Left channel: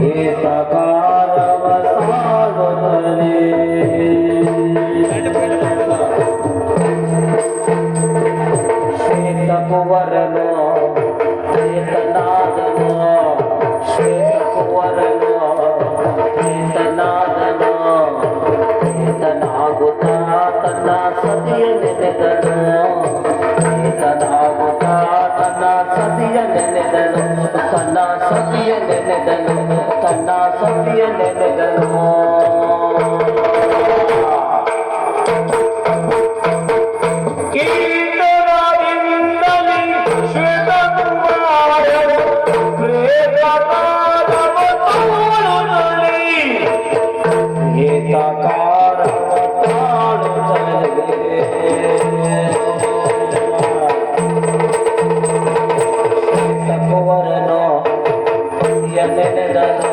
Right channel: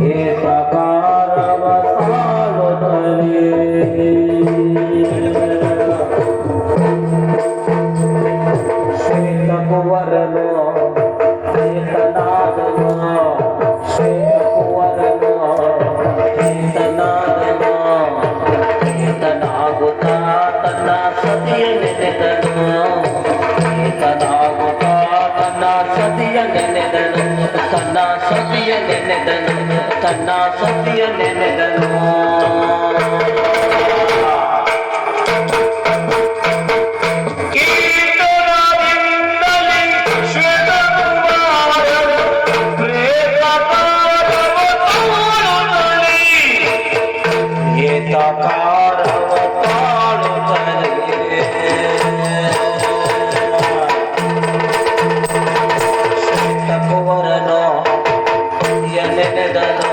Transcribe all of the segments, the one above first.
ये साकार ಸತಿಯ ನೆನೆದನು ತನ್ನ ಸತಿಯ ನೆನೆದನು ಎನೆನೆದನು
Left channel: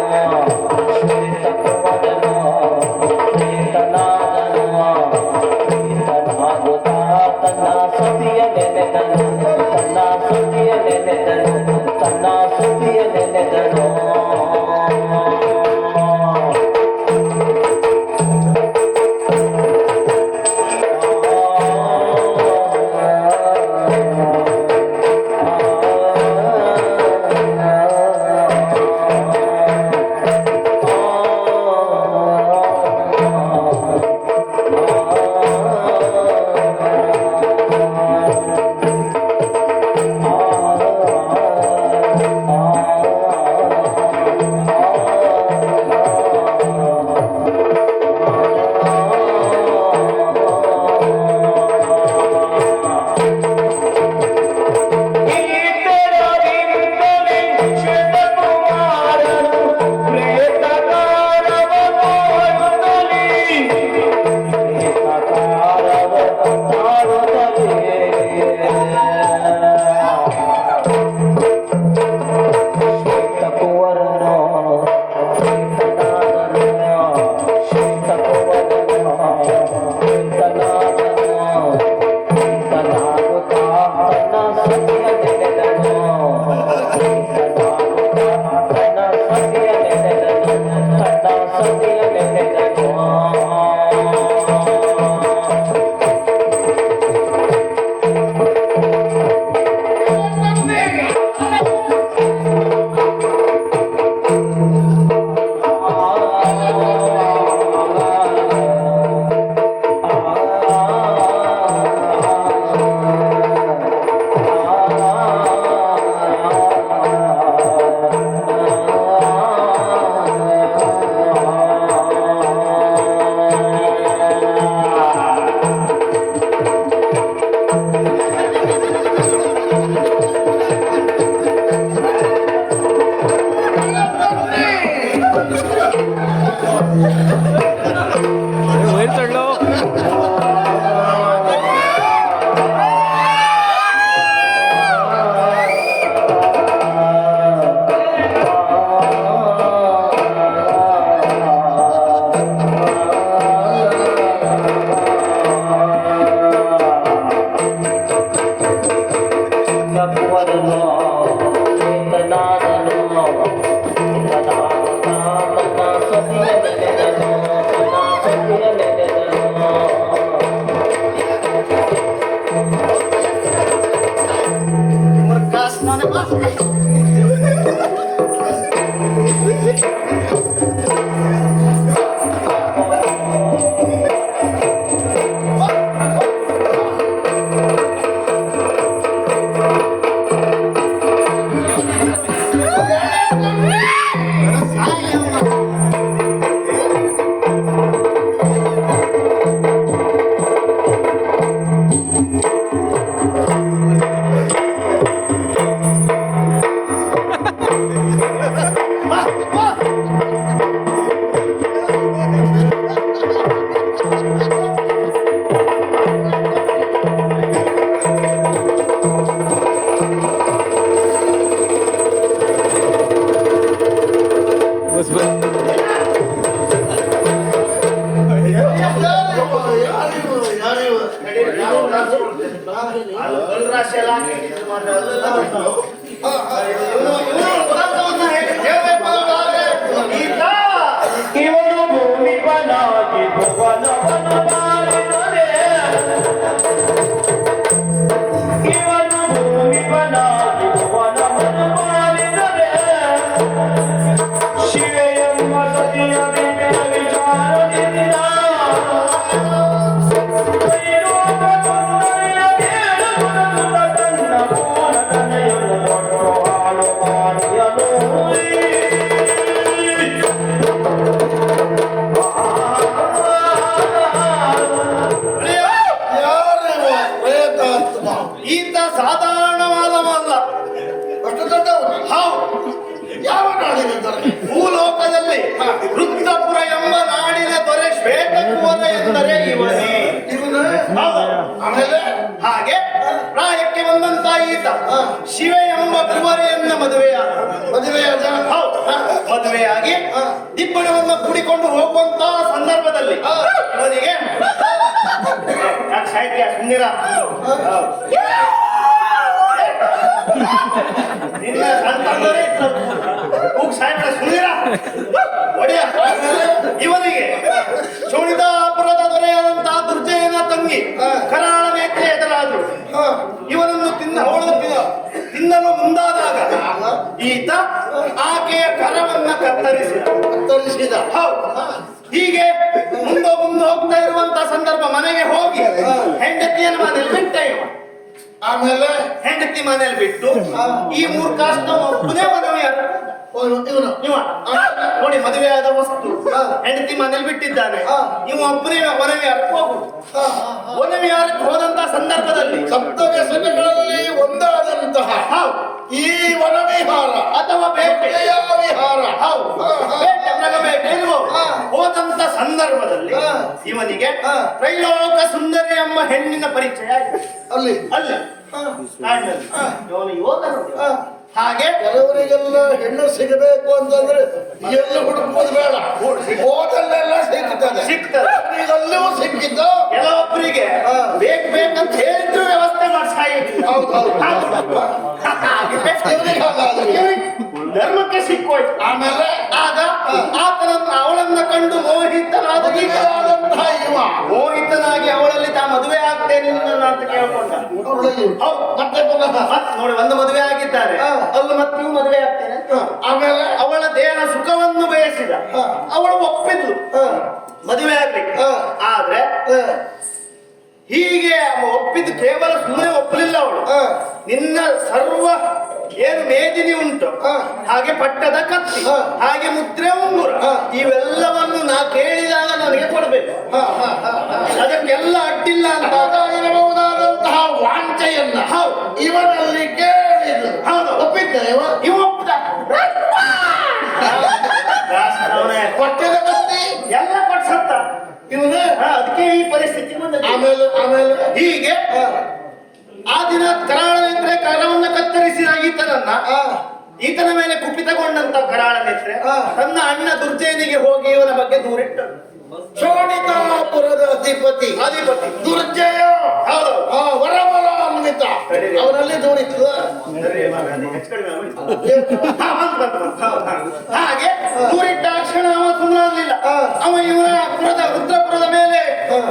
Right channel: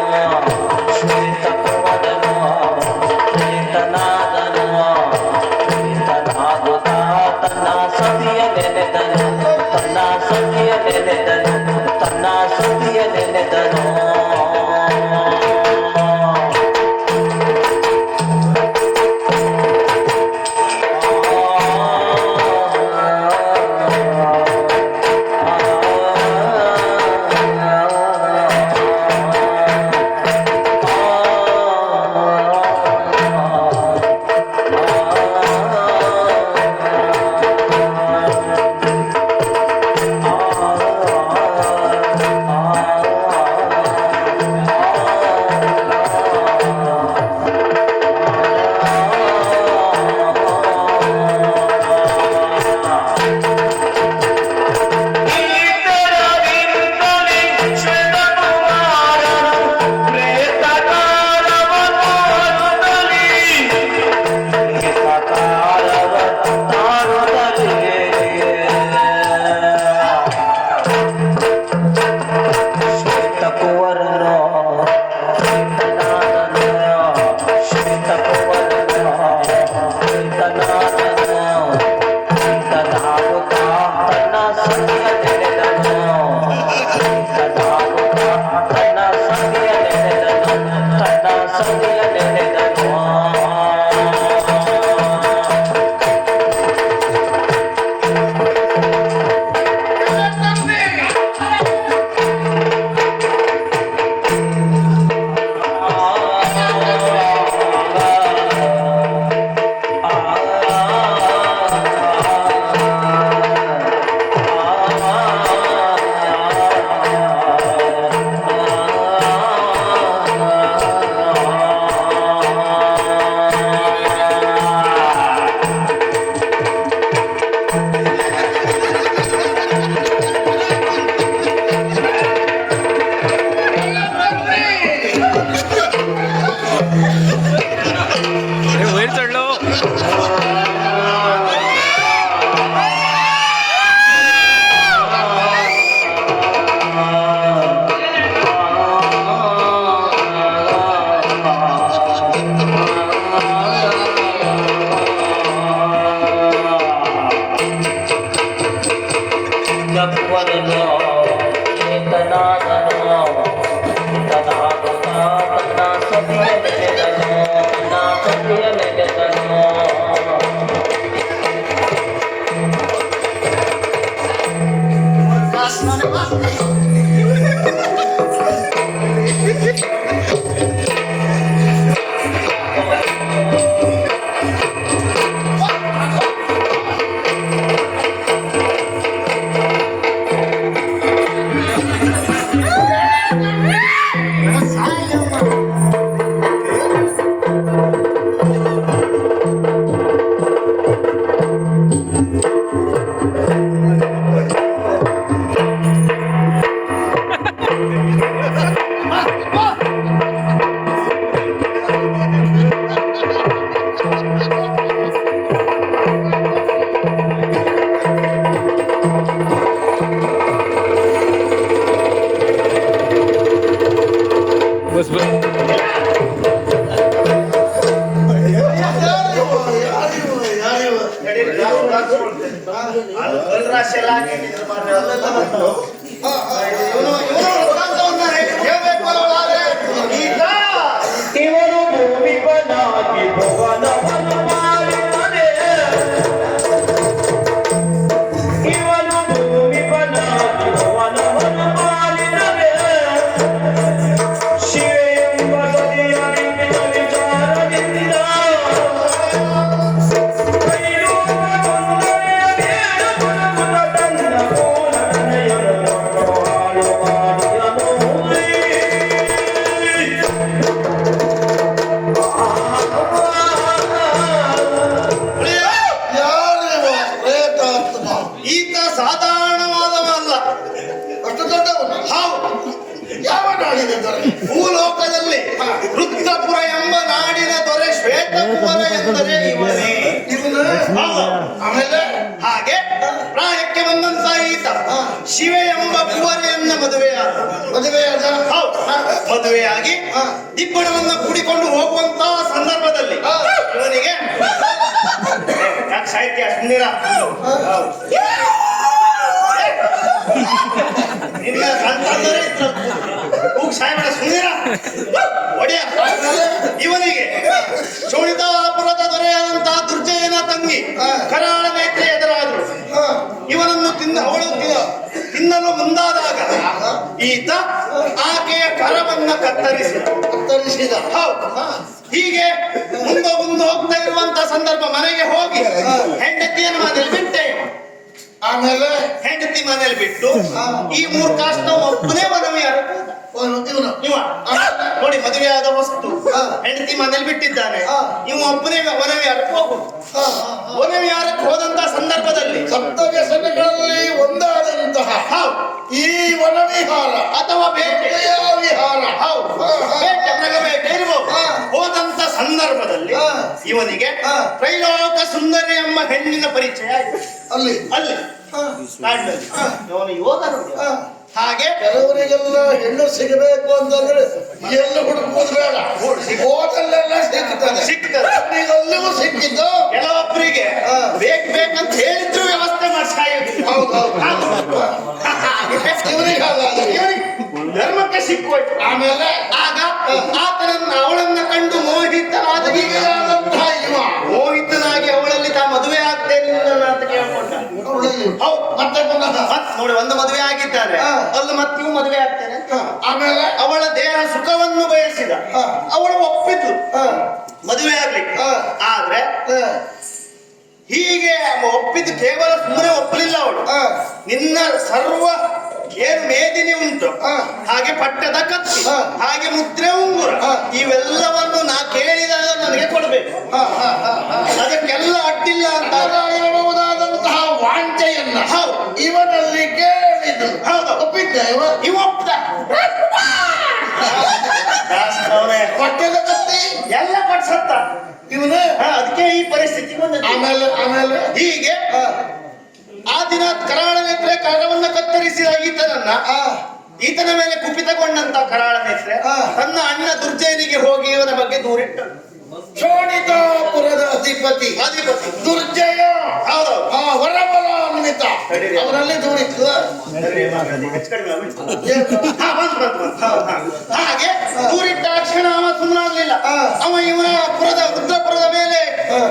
ಅದು ರಾಶಿ ಎಲ್ಲ ಹಾಕಿ ಮಾತ್ರ ಮದುವೆಯ ಮದುವೆಯಾದ ಮದುವೆಯಾದ ಮದುವೆಯಾಗಿ ಇಬ್ಬರನ್ನ ಕೂಡಿಕೊಂಡು ಹೋಗುವಂತ ಸಂದರ್ಭದಲ್ಲಿ ಅವನಿಗೆ ಸಾಹಿತ್ಯ ಸುಂದಿರ? ನಿನ್ನ ಇತ್ತು. ಕೂಗು ಸಾಯ್ಬೇಡ ಸುಂದಿರ. ಒಡೆಯ. ಇವನಿಗೆ ಶೋಣಿತಾಪುರದ ದೊರೆಯಾದಂತಹ ದುರ್ಜಯನ ತಂಗಿ ಕರಾಳ ನೇತ್ರೆ ಎದುರಾದ್ರು ಇವನನ್ನು ತಿನ್ನ ಅವಳು ತಿನ್ನಲು ಮುಂದಾದಾಗ ಈತ ಆಕೆಯ ಕರವನ್ನ ಕತ್ತರಿಸಿದ. ಕತ್ತರಿಸಿದ. ಹೌದು. ಹೀಗೆ ಮುಂದೆ ಮುಂದೆ ಹೋಗ್ತಾ ಇರುವಂತ ಸಂದರ್ಭ ಮನೆಗೆ ಹೋಗಿ ಹೆಂಡತಿಯನ್ನು ಮನೇಲಿ ಬಿಟ್ಟೆ ಆಮೇಲೆ? ಹೆಂಡತಿ ಮನೇಲಿ ಬಿಟ್ಟು ಈ ಮೂರ್ ಕಾಸ್ಟ್ ಒಬ್ಬನೇ ಮದುವೆ ಇವನು ಇವ ನೋಡಿ ಮದುವೆಯಾದ ವಸ್ತು. ಹೆಂಡತಿ ಮನೇಲಿ ಬಿಟ್ಟಿದ್ದಾನೆ. ಇವ ಒಬ್ಬನೇ ಒನವಿ ಯಾರಕ್ಕೆ ಹೋಗುದು ಒನವಿ ಯಾರಕ್ಕೆ ಹೋದಂತ ಸಂದರ್ಭದಲ್ಲಿ. ಕರ್ತವ್ಯ ವ್ಯಸನಗಳಲ್ಲಿ ಒಂದಾದಂತಹ ಈ ವನವಿಹಾರ ಅಥವಾ ಬೇಟೆಯ ವಿಹಾರ ಬೇಟೆ. ಹೋದಂತ ಸಂದರ್ಭದಲ್ಲಿ. ಇವನಿಗೆ. ತ್ರೈಲೋಕ ಸುಂದರಿ ಅಮ್ಮ ಹೆಣ್ಣಿನ ಪರಿಚಯ ಅಲ್ಲಿ. ಅಲ್ಲಿ. ಇವನು. ಹಾಗೆ? ಕೆಲವರಿಗೆಲ್ಲ ಹೆಣ್ಣು ಸಿಗಬೇಕು ಅಂತಂದ್ರೆ ಎಲ್ಲಿ ಹುಡುಕುವುದು ಬೇಡ. ಹೋಟೆಲ್ ಸಿಗ್ತದೆ. ಸಿಗ್ತದೆ. ಸಿಕ್ಕಿದ್ದು. ಕೆಲವೊಬ್ಬರಿಗೆ. ಬೇಕ್ ಬೇಕಂತ ಹೇಳಿದ್ರು ವ್ಯವಸ್ಥೆ ಮಾಡಿ ಸಾಯೋದಿಲ್ಲ ಹೌದು, ಹೌದು. ಹಾಗೆ ಇವರಿಗೆ ಹಾಗಾದ್ರೆ. ಇವನಿಗೆ ಧರ್ಮಕ್ಕೆ ಸಿಕ್ಕೋಯ್ತು. ಆಮೇಲೆ ಆಗ ಆತನನ್ನ ಅವಳನ್ನ ಕಂಡು ಮೋಹಿತನಾದ ಮೋಹಿತನಾಗಿ ಅವಳಲ್ಲಿ ತಾ ಮದುವೆ ಆಗ್ತೇನೆ ನಿನ್ನನ್ನು ಅಂತ ಕೇಳ್ಕೊಂಡ ಅವಳಲ್ಲಿ ಹೌದು ಮತ್ತೆ ಪುನಃ. ನೋಡಿ ಒಂದು ಮದುವೆ ಆಗಿದ್ದಾರೆ. ಅಲ್ಲಿ ಮತ್ತೆ ನೀವು ಮದುವೆ ಆಗ್ತೇನೆ. ಆಮೇಲೆ? ಅವಳ ದೇಹ ಸುಖವನ್ನು ಬಯಸಿದ. ಹಾ. ಅವಳು ಒಪ್ಪಿದ್ಲು. ಹ, ಮದುವೆ ಆಗ್ಲಿಕ್ಕೆ. ಆದ್ರೆ ಹೀಗೆ ಒಪ್ಪಿದ್ದು ಕೇವಲ ಸುಮ್ಮನೆ ಒಪ್ಪಲಿಲ್ಲ ಅವಳು. ಹ, ನಿನ್ನ ಸರ್ವ ಏನು ಮೇದಿನಿ ಉಂಟು? ಹಾ. ಹಾಗೆ ಪಟ್ಟದ ಕತ್ತಿ ಹಾ. ಹಾಗೆ ಮುದ್ರೆ ಉಂಗುರ. ಹಾ. ಇವೆಲ್ಲವನ್ನು ನಾ ಕೇಳಿದಾಗ ನನಗೆ ಕೊಡ್ಬೇಕು. ಅದಕ್ಕೆಲ್ಲ ಅಡ್ಡಿಲ್ಲ ಅಂತ. ಇರಬಹುದಾದಂತಹ ವಾಂಚೆಯನ್ನ ಹೌದು. ಇವನಲ್ಲಿ ಕೇಳಿದ್ರು. ಹೌದು. ಒಪ್ಪಿದ್ದ ಇವ? ಪಟ್ಟದ ಕತ್ತಿ ಎಲ್ಲ ಪಟ್ಸತ್ತ ಇವನು? ಹಾ, ಅದಕ್ಕೆ ಈ ಪರಿಸ್ಥಿತಿ ಬಂದ ಆಮೇಲೆ ಆಮೇಲೆ? ಹೀಗೆ ಹ, ಆ ದಿನ ಕರಾಳ ನೇತ್ರೆ ಕರವನ್ನ ಕತ್ತರಿಸಿದ ಈತನನ್ನ ಈತನ ಮೇಲೆ ಕುಪಿತಗೊಂಡಂತ ಕರಾಳ ನೇತ್ರೆ ಹಾ. ತನ್ನ ಅಣ್ಣ ದುರ್ಜಯನಿಗೆ ಹೋಗಿ ಇವನ ಬಗ್ಗೆ ದೂರಿಟ್ಟು ಶೋಣಿತಾಪುರದ ಅಧಿಪತಿ. ಅಧಿಪತಿ. ದುರ್ಜಯ. ಹೌದು. ವರವರ ಅನ್ವಿತ ಅವರಲ್ಲಿ ದೂರಿತ್ತು. ಹಾಗೆ ದೂರಿಟ್ಟ ಕ್ಷಣ ಅವ ಸುಮ್ಮನಾಗ್ಲಿಲ್ಲ. ಅವ ಇವನ ಪುರದ ವೃದ್ಧಪುರದ ಮೇಲೆ.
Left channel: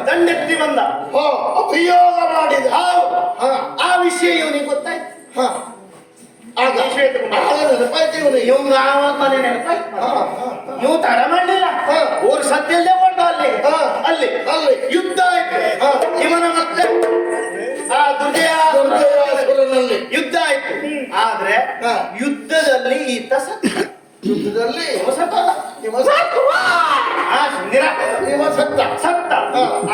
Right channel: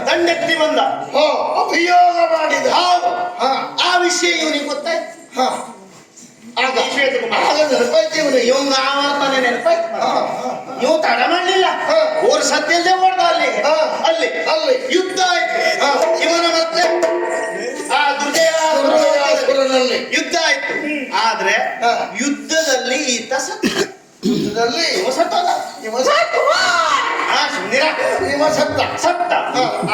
ದಂಡೆತ್ತಿ ಬಂದ. ಓ ಅಭಿಯೋಗ ಮಾಡಿದ. ಹೌದು. ವಿಷಯ ಇವನಿಗೆ ಗೊತ್ತಾಯ್ತು ಹ. ಆಗ ನೆನಪಾಯ್ತು ಇವನಿಗೆ ಇವಂಗ ಆವರ್ತನೆ ನೆನಪಾಯ್ತು ಇವ್. ತಡ ಮಾಡ್ಲಿಲ್ಲ. ಓರ್ ಸದ್ಯಲ್ಲದೆ ಓಡ್ದ ಅಲ್ಲಿ. ಅಲ್ಲಿ ಅಲ್ಲಿ ಯುದ್ಧ ಆಯ್ತು. ಇವನ ಮತ್ತೆ ಆ ದುರ್ಜಯ ದುರ್ಜಯಾಸುರನಲ್ಲಿ ಯುದ್ಧ ಆಯ್ತು ಆದ್ರೆ ಹಾ. ಯುದ್ಧದಲ್ಲಿ ಈತ ಸತ್ತ ಯುದ್ಧದಲ್ಲಿ ಇವ ಸತ್ತಲ್ಲ ಇವ ಸತ್ತ ಆ ಸುಂದಿರ ಇವ ಸತ್ತ ಸತ್ತ.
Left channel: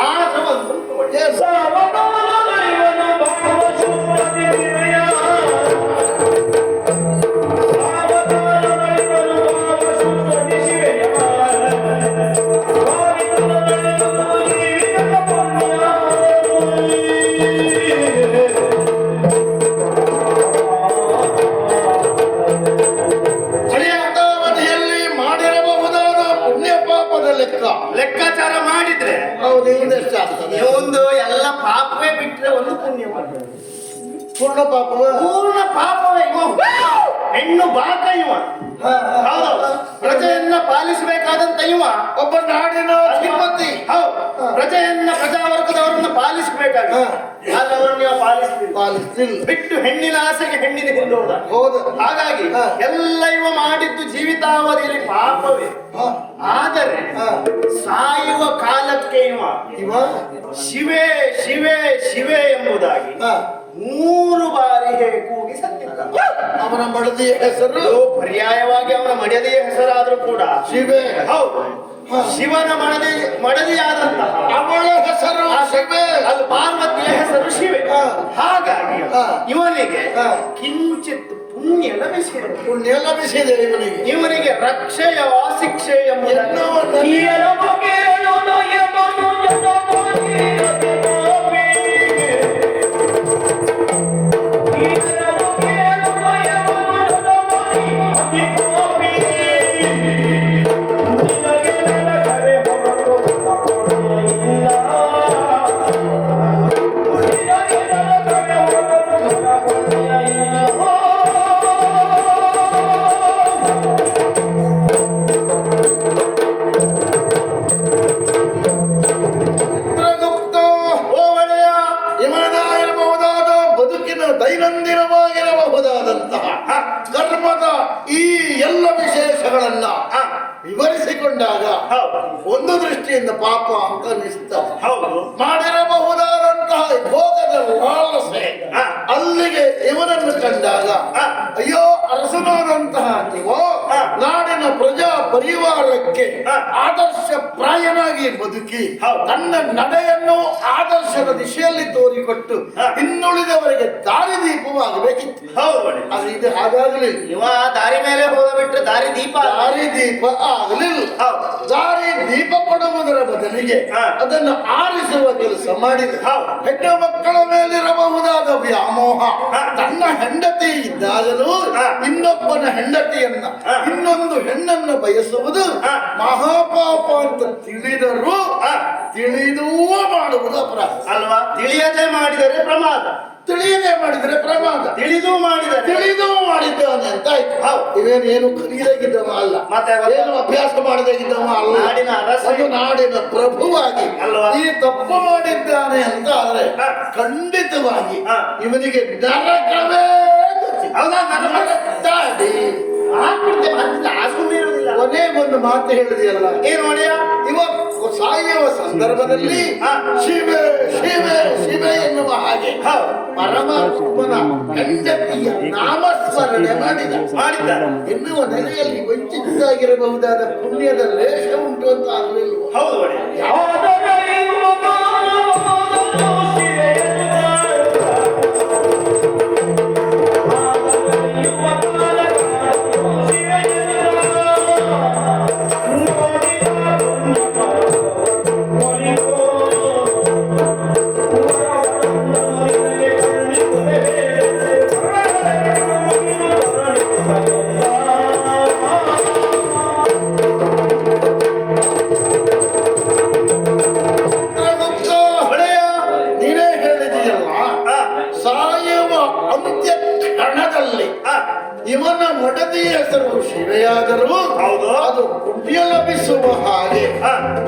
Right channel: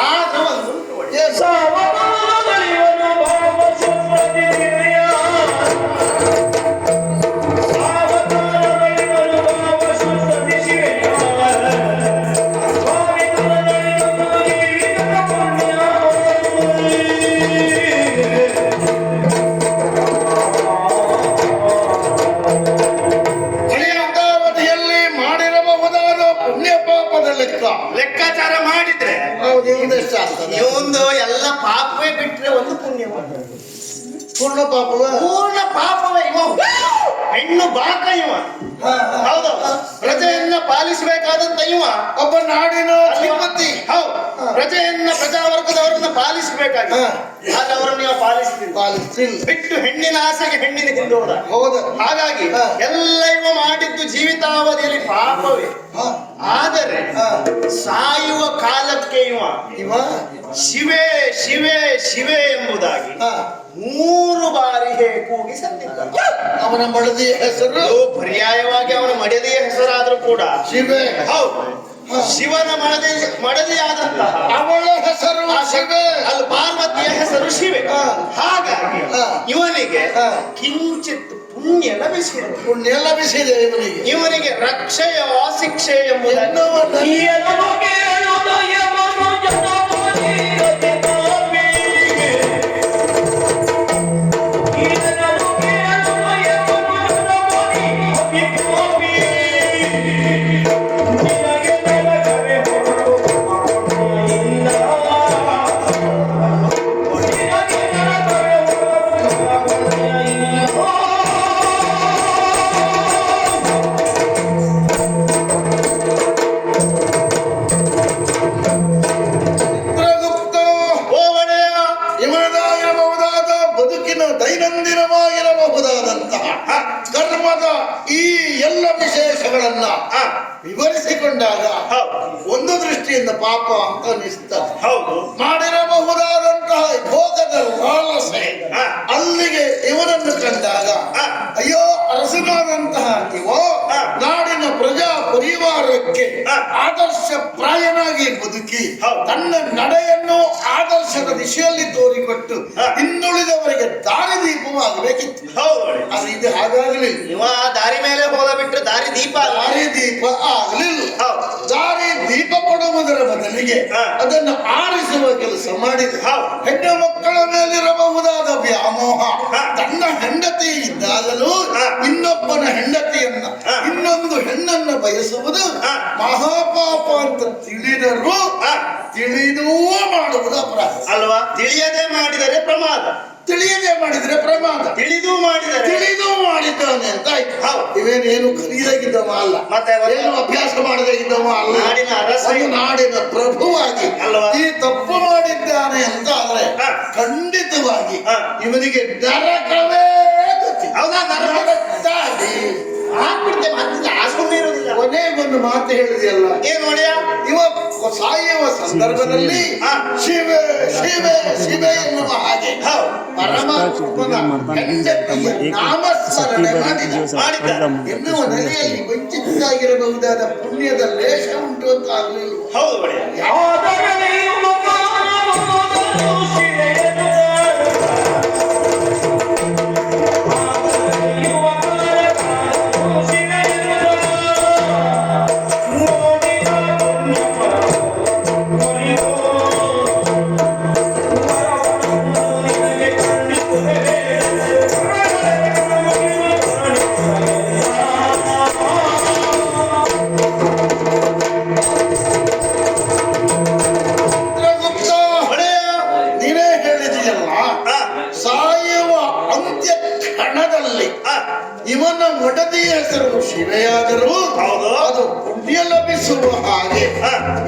ಆಗ ಒಂದು ಮಾಡಿದ್ರೆ ಒಂದು ಎಲ್ಲ ಪಾಪವೇ ಬಿಟ್ರೆ ಒಂದು ಪುಣ್ಯ ಪೂರ್ಣ ಪಾಪವೇ? ಪೂರ್ಣ ಪಾಪವೇ ಇವ ಹೆಣ್ಣು ಬಾಕ ಇವ ಹೌದು. ಪ್ರಜೆಯನ್ನ ಪಾಲಿಸಬೇಕಾದಂತ ಇವ ಒಬ್ಬ ನಾಡಿನ ಅಧಿಪತಿ. ಹೌದು. ಪ್ರಜೆಯನ್ನ ಪ್ರಜಾವರ್ಗದವರನ್ನ ಪಾಲಿಸಬೇಕಾಗಿ ಹಾ. ಅವರನ್ನ ನೀವು ಪಾಲಿಸ್ತೀರಿ. ಪಾಲಿಸ್ತಿಲ್ಲ ಬಿಟ್ಟು ಹೆಣ್ಣಿನ ಆಸೆಗೆ ಹೆಣ್ಣಿನ ಹಿಂದೆ ಹೋದ. ಹೋದ. ಹಾಗಾಗಿ. ಎಲ್ಲ ಇವ ಮಾಡಿದ್ದು ಜೀವಿತಾವಧಿಯಲ್ಲಿ ಪಾಪವೇ. ಆದರೆ. ಸಾಯುವ ಕಾಲಕ್ಕೆ ಇವ ಇವ? ಶಿವೆ ಶಿವೆ ಶಿವೆ ಎಂಬುದಾಗಿ. ಮೂರು ಬಾರಿ ಹೇ ಕೂಗಿ ಸತ್ತಿದ್ದ ಅವನ ಮಡದಿಯ ಹೆಸರು. ಪರ್ಯಾಯವಾಗಿ ಅವನ ಮಡದಿಯ ಹೆಸರಾದ್ರೂ ಕೂಡ ಶಿವೆ. ಹೌದು. ಶಿವನ ಮಡದಿ ಮಡದಿಯಾದಂತಹ ಅವಳ ಹೆಸರು ಆ ಶಿವೆ. ಅಲ್ಲಿ ಪಾರ್ವತಿಯ ಹೆಸರು ಶಿವೆ. ಹಾ. ಹಾಗಾಗಿ ಇವನಿಗೆ ಹಾ. ಕಿಂಚಿತ್ ಪುಣ್ಯ ಲಭಿಸಿದೆ. ಪುಣ್ಯ ಲಭಿಸಿದೆ ಇವನಿಗೆ. ಇವನಿಗೆ ರಕ್ಷೆಯ ಶಿಕ್ಷೆ ಎಂಬುದನ್ನು ಎನ್ನುವ ಈ ಎಲ್ಲ ವಿಶೇಷಗಳನ್ನ. ವಿವರಿಸಿಕೊಂಡಾಗ ಒಂದು ದೃಷ್ಟಿಯಿಂದ ಪಾಪ ಅಂತ ಅನಿಸ್ತದೆ ಹೌದು ಮಾಡಿರಬಹುದಾದಂತಹ ಭೋಗದ ಲಾಲಸೆ ಹಾ. ಅಲ್ಲಿಗೆ ಇವನನ್ನು ಕಂಡಾಗ. ಅಯ್ಯೋ ಅರಸನಾದಂತಹ ನೀವು. ನಾಡಿನ ಪ್ರಜಾ ಪರಿವಾರಕ್ಕೆ ಆದರ್ಶ ಪ್ರಾಯನಾಗಿ ಬದುಕಿ. ತನ್ನ ನಡೆಯನ್ನು ಆದರ್ಶದ ದಿಶೆಯಲ್ಲಿ ತೋರಿಕೊಟ್ಟು. ಇನ್ನುಳಿದವರಿಗೆ ದಾರಿದೀಪವಾಗಬೇಕಿತ್ತು ಹೌದು ಇದು ಹಾಗಾಗಲಿ ಇದು ಹಾಗಾಗಲಿಲ್ಲ ಆ ದಾರಿ ಮೇಲೆ ಹೋದ ಬಿಟ್ಟು ದಾರಿ ದೀಪ ದಾರಿ ದೀಪ ಆಗಲಿಲ್ಲ. ದಾರಿ ದೀಪ ಕೊಡುವುದರ ಬದಲಿಗೆ. ಅದನ್ನು ಆರಿಸುವ ಕೆಲಸ ಮಾಡಿದೆ. ಹೆಣ್ಣು ಮಕ್ಕಳ ಮೇಲಿರಬಹುದಾದ ವ್ಯಾಮೋಹ. ತನ್ನ ಹೆಂಡತಿ ಇದ್ದಾಗಲೂ. ಇನ್ನೊಬ್ಬನ ಹೆಂಡತಿಯನ್ನ. ಇನ್ನೊಂದು ಹೆಣ್ಣನ್ನ ಬಯಸುವುದು. ಮಹಾಪಾಪ ಅಂತ ತಿಳಿದರೂ ತಿಳಿದೂ ಮಾಡುವುದು ಅಪರಾಧ ಅಲ್ವಾ ತಿಳಿಯದೆ ಮಾಡಿದರೆ ಪ್ರಮಾದ ತಿಳಿಯದೆ ಮಾಡಿದರೆ ಪ್ರಮಾದ ತಿಳಿದು ಮಾಡಿದರೆ ತಿಳಿದು ಮಾಡಿದ್ದಾನೆ ಅಂತ ಆಯ್ತು ಹೌದು. ಇವೇನು ಏನು ಕಲಿಯದಾಗಿದ್ದವ ಅಲ್ಲ ಮತ್ತೆ ಏನು ಅಭ್ಯಾಸ ಮಾಡದಾಗಿದ್ದವ ಅಲ್ಲ ನಾಡಿನ ಅರಸ ನಾಡಿನ ಪ್ರಭುವಾಗಿ ಅಲ್ವಾ? ಈ ತಪ್ಪು ಮಾಡಿದ್ದಾನೆ ಅಂತ ಆದ್ರೆ ಖಂಡಿತವಾಗಿ. ಇವನಿಗೆ ನರಕವೇ. ಹೌದಾ? ನರಕ? ನರಕದ್ದಾಡಿ. ಹಾಕ್ಬಿಡ್ತೇವೆ ಹತ್ತಿದ ಆ ಸುಮ್ಮನೆ ಇರುವುದಿಲ್ಲ. ಕೊನೆಗೊಂದು ಮಾತು ಹೇಳಿದೆಯಲ್ಲ. ಏನು ಒಡೆಯ ಇವ ಸಾಯುವ ಸಂದರ್ಭದಲ್ಲಿ. ಶಿವೆ ಶಿವೆ ಶಿವೆ ಎನ್ನುವ ಹಾಗೆ ಪರಮಾತ್ಮನ ಹೆಂಡತಿಯ ನಾಮಸ್ಮರಣೆ ಮಾಡಿದ. ಮಾಡಿದ್ದಾರೆ. ಎನ್ನುವ ನೆಲೆಯಲ್ಲಿ ವಂಚಿತರಾಗಿರಬಹುದಾದ ಪುಣ್ಯದ ಲೇಷ ಉಂಟು ಅಂತ ಆಗಲಿಲ್ಲ. ಹೌದು ಒಡೆಯ ಹಾ. ಇವನ ಮಡದಿಯ ಹೆಸರು ಶಿವೆಯಾದರೂ ಹೌದು. ಅದು ಪುಣ್ಯ ಲಭಿಸುವ ಹಾಗೆ.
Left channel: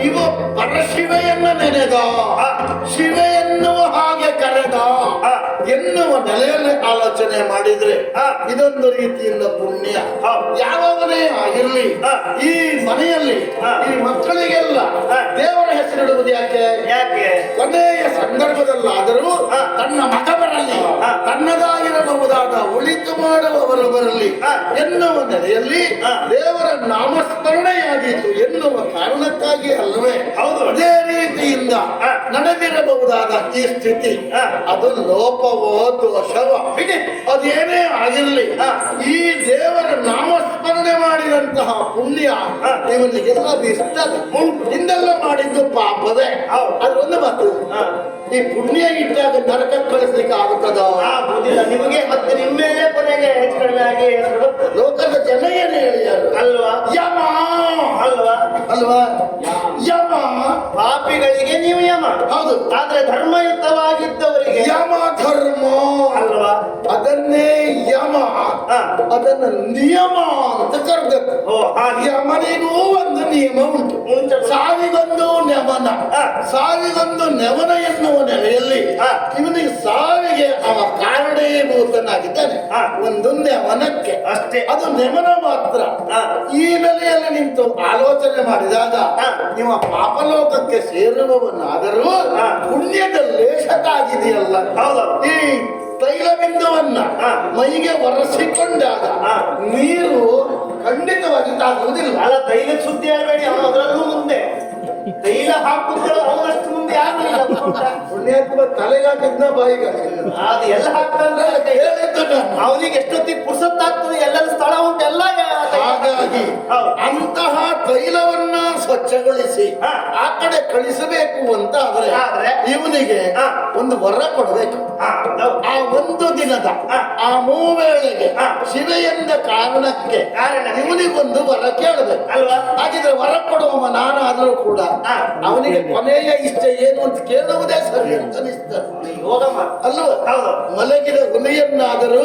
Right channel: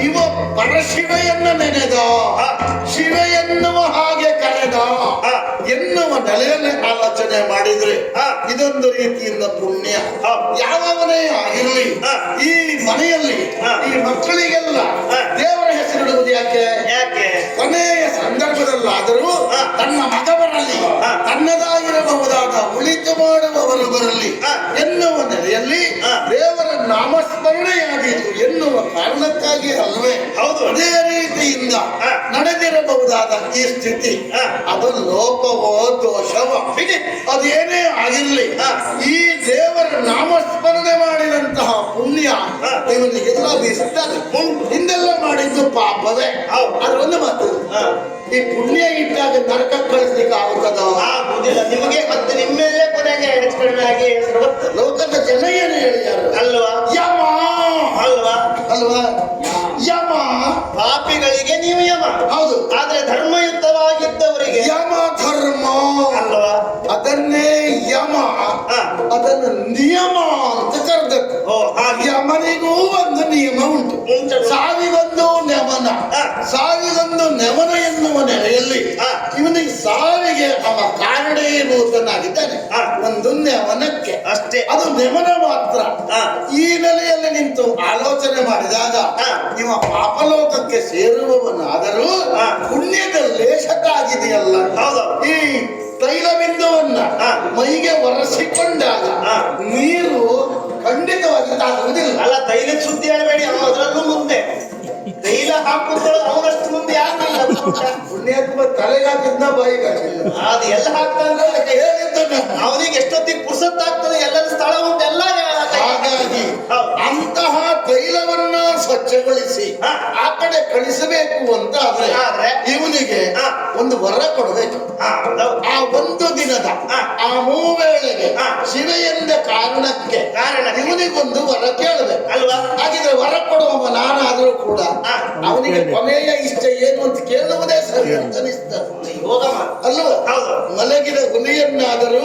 ಇವ ಪರಶಿವೆಯನ್ನ ನೆನೆದ. ಶಿವೆ ಎನ್ನುವ ಹಾಗೆ ಕರೆದ. ಎನ್ನುವ ನೆಲೆಯಲ್ಲಿ ಆಲೋಚನೆ ಮಾಡಿದ್ರೆ. ಇದೊಂದು ರೀತಿಯಿಂದ ಪುಣ್ಯ ಯಾವ ಮನೆಯ ಆಗಿರ್ಲಿ. ಈ ಮನೆಯಲ್ಲಿ. ಈ ಮಕ್ಕಳಿಗೆಲ್ಲ ಹಾ. ಇಡುವುದು ಯಾಕೆ ಯಾಕೆ ಕೊನೆಯ ಸಂದರ್ಭದಲ್ಲಾದರೂ. ತನ್ನ ಮಗ ಬರಲಿ. ತನ್ನದಾಗಿರಬಹುದಾದ ಉಳಿತು ಮಾಡುವವರು ಬರಲಿ. ಎನ್ನುವ ನೆಲೆಯಲ್ಲಿ. ದೇವರ ನಾಮಸ್ಮರಣೆಯಾದೀತು ಎನ್ನುವ ಕಾರಣಕ್ಕಾಗಿ ಅಲ್ವೇ ಹೌದು. ಅದೇ ರೀತಿಯಿಂದ. ನಡೆದಿರಬಹುದಾದ ಈ ಸ್ಥಿತಿ. ಅದು ಲೋಪವೋ ದೋಷವೋ. ಅದೇನೇ ಆಗಿರಲಿ. ಈ ದೇವರ ನಾಮಸ್ಮರಣೆ ಮಾಡಿದಂತಹ ಪುಣ್ಯ. ಇವನಿಗೆಲ್ಲ ಬೀಸ್ತದೆ ಹಿಂದೆಲ್ಲ ಮಾಡಿದ್ದು ಪಾಪವೇ. ಹೌದು. ಅದ್ರ ಒಂದು ಮಾತು ಹಾ. ಈ ಪುಣ್ಯ ಇಟ್ಟಾಗ ನರಕ ಕಳಿಸ್ಲಿಕ್ಕೆ ಆಗುತ್ತದ? ಆಗುದಿಲ್ಲ ನಿಮಗೆ ಮತ್ತೆ ನಿಮ್ಮೇಲೆ ಕೊನೆಗೆ ಹೆಚ್ಚು ಕಡಿಮೆ ಆಗಿ ಲೋಕದ ಜನ ಏನು ಹೇಳಿದಾರು ಅಲ್ವಾ? ಯಮ! ಅಲ್ವಾ? ಅಲ್ವಾ? ಯಮ. ಪಾಪಿಗಳಿಗೆ ನೀವು ಯಮ. ಹೌದು. ಆದ್ರೆ ಧರ್ಮಯುತವಾಗಿದ್ದವರಿಗೆ ಯಮ ಧರ್ಮ. ಅಲ್ವಾ? ಅದನ್ನೇ ಯಮ ಅದನ್ನ ನಿಯಮ ಅಂತ ಕರ್ತಾರೆ ಯಮನಿಗೂ ಒಂದು ನಿಯಮ ಉಂಟು. ಸಾವಿಗೊಂದು ನೆವನ. ಸಾವಿಗೊಂದು ನೆವನ ಎನ್ನುವ ನೆಲೆಯಲ್ಲಿ. ಇವನಿಗೆ ಸಾವಿಗೆ ಅವ ಕಾರಣೀಭೂತನಾಗಿದ್ದಾನೆ. ಒಂದು ನೆವನಕ್ಕೆ ಅಷ್ಟೇ. ಅದು ನೆವನ ಮಾತ್ರ. ಈ ನೆಲೆಯಲ್ಲಿ ನಿಂತು ಆಲೋಚನೆ ಮಾಡಿದಾಗ. ನಿಮ್ಮ ಪಾಪಲೋಕಕ್ಕೆ ಸೇರುವವನಾದರೂ. ಪುಣ್ಯದ ಲೇಷಕ್ಕಾಗಿದೆಯಲ್ಲ. ಈ ತೈಲ ಹಾ. ಮೈಗೆ ಒರೆಸಿಕೊಂಡಾಗ. ನೀರು ಖಂಡಿತವಾಗಿ ತಾಗುವುದಿಲ್ಲ ಅಲ್ಲ ತೈಲದ ಸುದ್ದಿ ಆಗಬೇಡಿ ಅವನು ಅದರಲ್ಲೂ ಮುಂದೆ ತೈಲ ಹಾಕುಗಳು ಅವನಷ್ಟು ಮುಂದೆ ಯಾರು ಇಲ್ಲ? ಪುಣ್ಯಾತ್ಮ ತಲೆಗೆ ಹಾಕಿದ್ನ ಬಾಯಿಗೆ ಅದು ಎಲ್ಲ ಹಾಕ್ತಾನೆ ಹೇಳಿದ್ದು ನಾನು. ಅವನಿಗೆ ಎಷ್ಟೊತ್ತಿಗೆ ಪುರ್ಸತ್ತಾಗ್ತದೆ ಎಲ್ಲೆಲ್ಲ ಸ್ಥಳ ಉಂಟು ಎಲ್ಲ ಹಾಗಾಗಿ. ಅಂತಹ ತೈಲವನ್ನ ಸ್ವಚ್ಛಗೊಳಿಸಿ. ಆ ಕಡೆ ಕಳಿಸಬೇಕು ಅಂತ ಆದ್ರೆ ಆದ್ರೆ? ಇವನಿಗೆ. ಒಂದು ವರ ಕೊಡಬೇಕು ಆ ಒಂದು ದಿನದ. ಆ ಮೂವೇಳೆಗೆ. ಶಿವ ಎಂದ ಕಾರಣಕ್ಕೆ ಕಾರಣ. ಇವನಿಗೊಂದು ವರ ಕೇಳಬೇಕು ಅಲ್ವಾ ಹಾಗಿದ್ರೆ ವರ ಕೊಡುವವ ನಾನಾದರೂ ಕೂಡ. ಅವನಿಗೆ ಕೊನೆಯ ಇಷ್ಟ ಏನು ಅಂತ ಕೇಳುವುದೇ ಸರಿ ಅಂತ ಅನಿಸ್ತದೆ ಯೋಗ ಅಲ್ಲೂ ಹೌದು. ಮಲಗಿದ ಗುಣೆಯನ್ನಾದರೂ.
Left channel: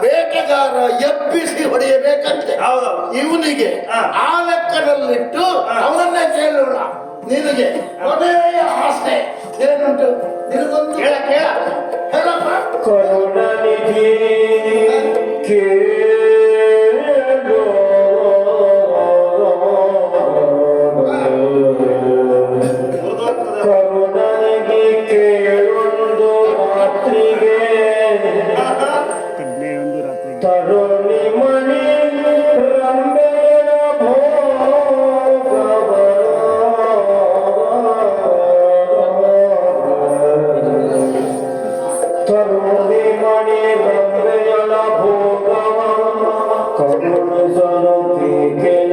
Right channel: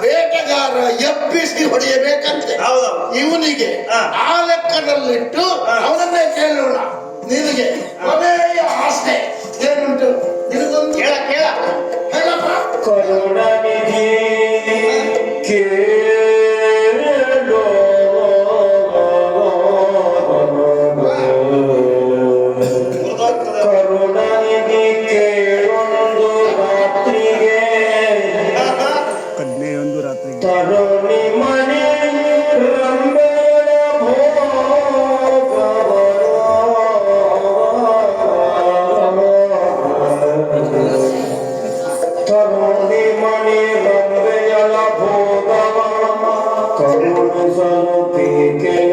ಬೇಟೆಗಾರ ಎಬ್ಬಿಸಿ ಹೊಡೆಯಬೇಕಂತೆ. ಹೌದು. ಇವನಿಗೆ. ಆ ಲೆಕ್ಕದಲ್ಲಿಟ್ಟು ಅವರನ್ನೇ ಅವನನ್ನೇ ಕೇಳೋಣ. ನಿನಗೆ ಕೊನೆಯ ಆಸೆ ಏನುಂಟು? ನಿನಗೊಂದು ಕೇಳ ಕೇಳ. ಹೇಳಪ್ಪ. ter